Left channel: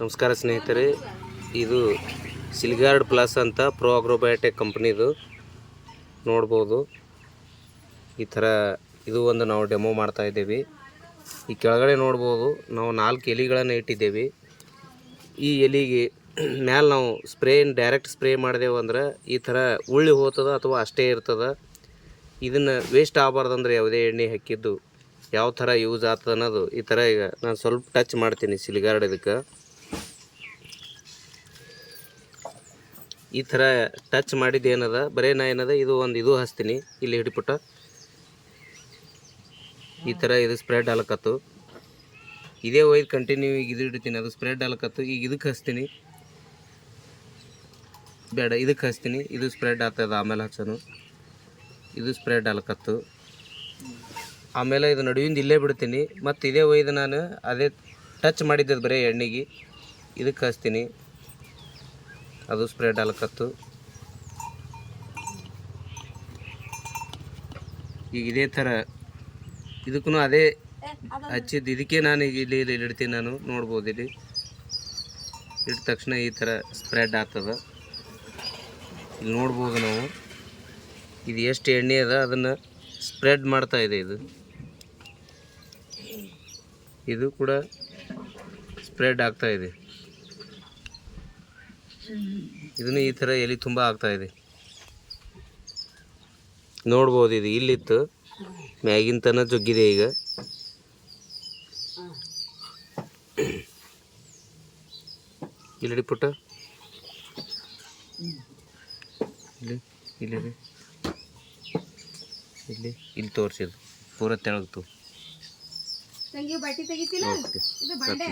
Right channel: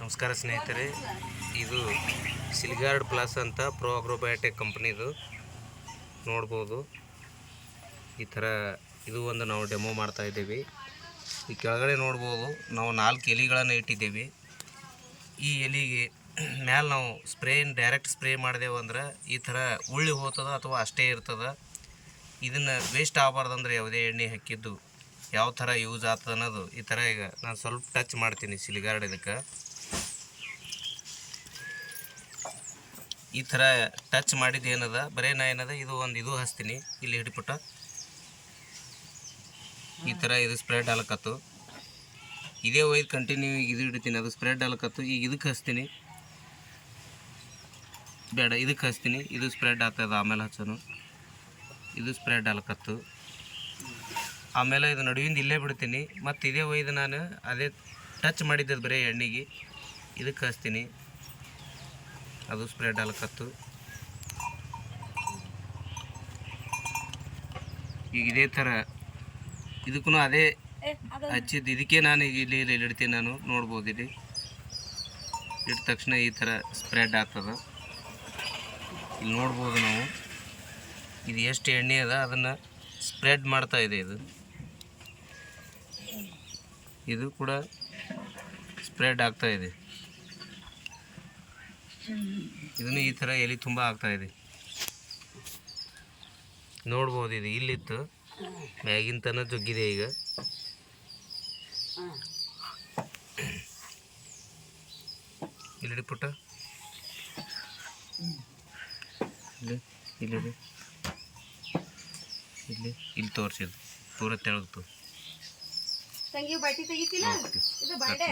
ನಮಸ್ಕಾರ ಸ್ನೇಹಿತರೆ, ಇದು ಸಿಲ್ಗಾರ್ಡ್ ಪ್ಲಸ್ ಅಂತ ಪ್ರೋ ಅಗ್ರೋಬಯೋಟೆಕ್ ಕಂಪ್ನಿದು ನೋಡ್ಬೋದು. ಈ ಥರ ಇದು ಒಂದು ನಾವು ಡೆಮೋ ಮಾಡ್ತಾ ಇದ್ದೇವೆ. ಈ ಕೆಳಗಡೆ ನೋಡ್ಬೋದು ನಾವು 4 ಎಲೆಗಳನ್ನು ಇಟ್ಟಿದ್ದೇವೆ. ಈ ಎಲೆಗೆ ಮ್ಯಾಲೆ ನಾವು ಡೈರೆಕ್ಟ್ ಸ್ಪ್ರೇ ಮಾಡಿದೆವು ಅಂದ್ರೆ ಈ ಥರ ಉಳ್ಳಿ ಹೋಗ್ತದೆ ಅಥವಾ ಅಷ್ಟೇ ಇರ್ತದೆ. ಇದನ್ನು ವೇಸ್ಟ್ ಆಗಬಾರ್ದಂದ್ರೆ ಯಾವುದೇ ಎಣ್ಣೆ ಹಾಕಿದ್ದು ಯಾವ ಥರ ಯೂಸ್ ಆಗ್ತದೆ ಅನ್ನೋದು ಈ ಥರ ಈಗ ನಾನು ಸ್ವಲ್ಪ ಟಚ್ ಮಾಡ್ತೀನಿ. ಸಿಲ್ಗಾರ್ಡ್ ಇದಕ್ಕೆ ಈ ಥರ ಟಚ್ ಮಾಡಿದ್ದು ಏನದ ಬರೀ ನಾ ಏನದ ಇದು ಹಚ್ತೀನಿ. ಇಲ್ಲಿ ಹಿಡಿಪುಟ್ಟ ಈ ಥರ ಇದು ಸ್ಪ್ರೆಡ್ ಆಲಕತ್ತು. ಇದೇ ಒಯ್ದು ಕಂಟಿನ್ಯೂ ಈಗ ಇದು ಹಿಡಿತೀನಿ, ಅದು ಸ್ಪ್ರೆಡ್ ಆಲಕತ್ತು. ಈಗ ಇದಕ್ಕೆ ಹಚ್ತೀನಿ, ಬೇಡ ಇದಕ್ಕೆ ಹಚ್ತೀನಿ, ಇದು ಸ್ಪ್ರೆಡ್ ಆಗ್ತದೆ. ಆಮೇಲೆ ಹಚ್ಚೋನು ಇದು ಸ್ಪ್ರೆಡ್ ಆಲಕತ್ತು. ಆಮೇಲೆ ಇದು ನಡುವಿಂದ ಇಲ್ಲೇ ಬಿಡ್ತೀನಿ. ಮತ್ತು ಇದೇ ಒಯ್ದು ನಾನು ಅದೇ ಟಚ್ ಮಾಡಿದ್ದದು ಬರೀ ಎಣ್ಣೆಗೆ ಇದಕ್ಕೆ ಹಚ್ತೀನಿ, ಅದು ಸ್ಪ್ರೆಡ್ ಆಲಕತ್ತು. ಈಗ ಇದೇ ಥರ ಇದಕ್ಕೂ ಅದೇ ಹಚ್ಚಿದ್ದು. ಇದಕ್ಕೆ ನಾನು ಈಗ ಇಲ್ಲಿ ಇಡ್ತೀನಿ. ನಾನು ನೋಡ್ಬೋದು, ಇಲ್ಲಿ ಇಟ್ಟ ತಕ್ಷಣ ಈ ಥರ ಸ್ಪ್ರೆಡ್ ಆಗ್ತದೆ. ಇಲ್ಲಿ ನೋಡ್ಬೋದು ನಾವು ಇದು ಎಷ್ಟು ಎಣ್ಣೆ ಅದ ಅದನ್ನು ಸ್ಪ್ರೆಡ್ ಮಾಡ್ತಾ ಇದೆ. ಇದು ಕೂಡ ಸ್ಪ್ರೆಡ್ ಆಗ್ತಾ ಇದೆ. ಇದನ್ನು ಈ ಥರ ಎಲೆ ತುಂಬ ಆಗ್ತಾ ಇದೆ. ನೋಡ್ಬೋದು, ಇದು ಇಲ್ಲಿತ್ತು ಮ್ಯಾಗಿನ ತನ ಜೊಗ್ಗಿದೆ. ಈಗ ಇಲ್ಲಿ ಪುಟ್ಟ ಇಲ್ಲಿ ಇಲ್ಲಿ ಇಲ್ಲಿ ಇಲ್ಲಿ ತೋರಿಸಿದ್ದು ಪೂರ ತೆಳಗ್ತು. ತಂಗಿ ಬಟ್ಟೆ ತೆಗಿತಿಲ್ಲ, ಇದು ಬಾಂಡೆ